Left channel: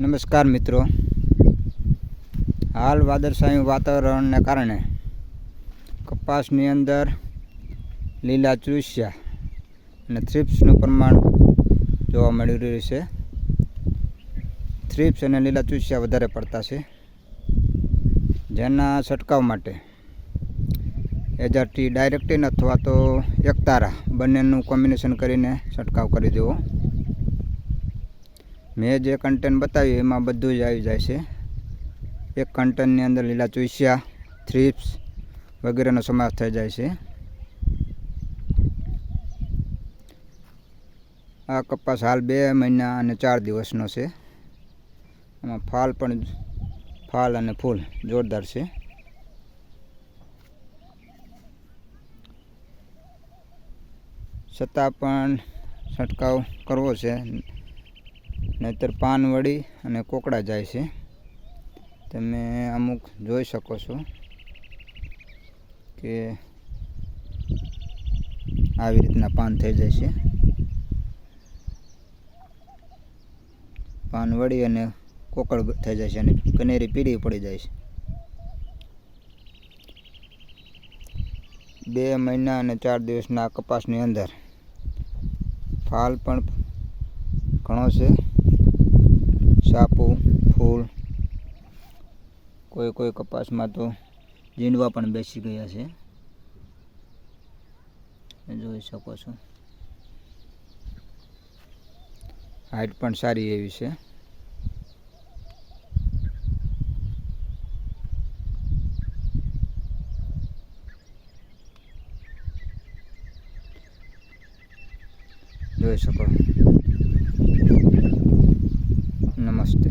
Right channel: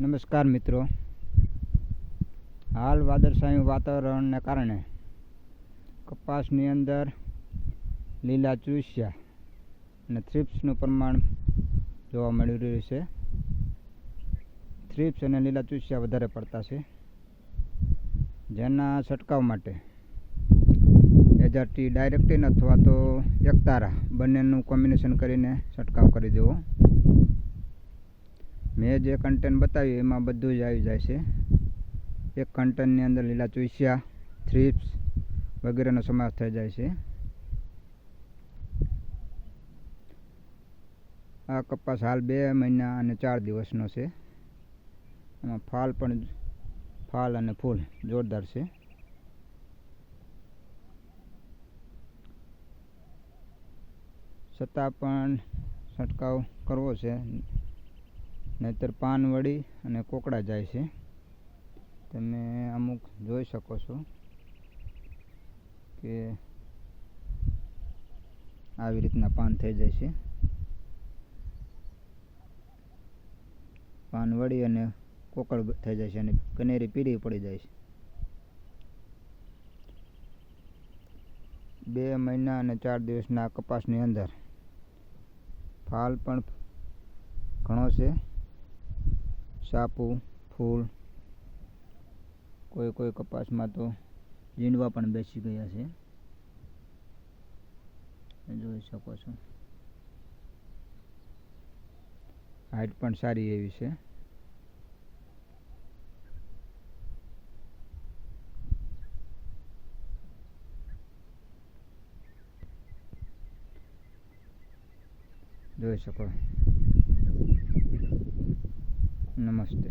નમસ્કાર મિત્રો. હાલ વાદળછાયું વાતાવરણને કારણે કપાસની અંદર લીલા ચૂસ્યા અને થ્રિપ્સનું પ્રમાણ જોવા મળી રહ્યું છે. થ્રિપ્સ અને લીલા ચૂસ્યા વધારે પડતા છે. જેના છંટકાવ માટે એજાટી ડાયરેક્ટિન અથવા તો એકતારા બંનેનું કોમ્બિનેશન કરીને છંટકાવ કરી દેવો. મેં જે કન્ટેન્ટ બતાવ્યું એમાં બધું જ આવી જાય છે. એક કન્ટેન્ટની અંદર લીલા ચૂસ્યા થ્રીપ્સ વગેરેનો સમાવેશ થઈ જાય છે. આ કપાસ હાલ બે મહિના અને ચાર દિવસનો છે. એમાં ફાલ પણ ફાલ અને ફૂલ જોરદાર છે. છતાં પણ છંટકાવ કરવો છે. નહીતર પાન વળી અને કોકડા જાય છે. તમે અમુક જોઈ શકો છો કે આવી રીતના પાન થઈ જાય છે. પાન વળી અને કોકળ થઈ જાય છે અને કનેરી પીળી પડી જાય છે. બે મહિના અને ચાર દિવસના કપાસની અંદર ફાલ પણ ઘણો છે. સાપુ ફૂલ, કોઈ કોઈ કપાસમાં તો જીંડવા પણ બેસી ગયા છે. જોઈ શકો છો. હાઈટ પણ સારી એવી છે. જોઈ શકો. ナマして。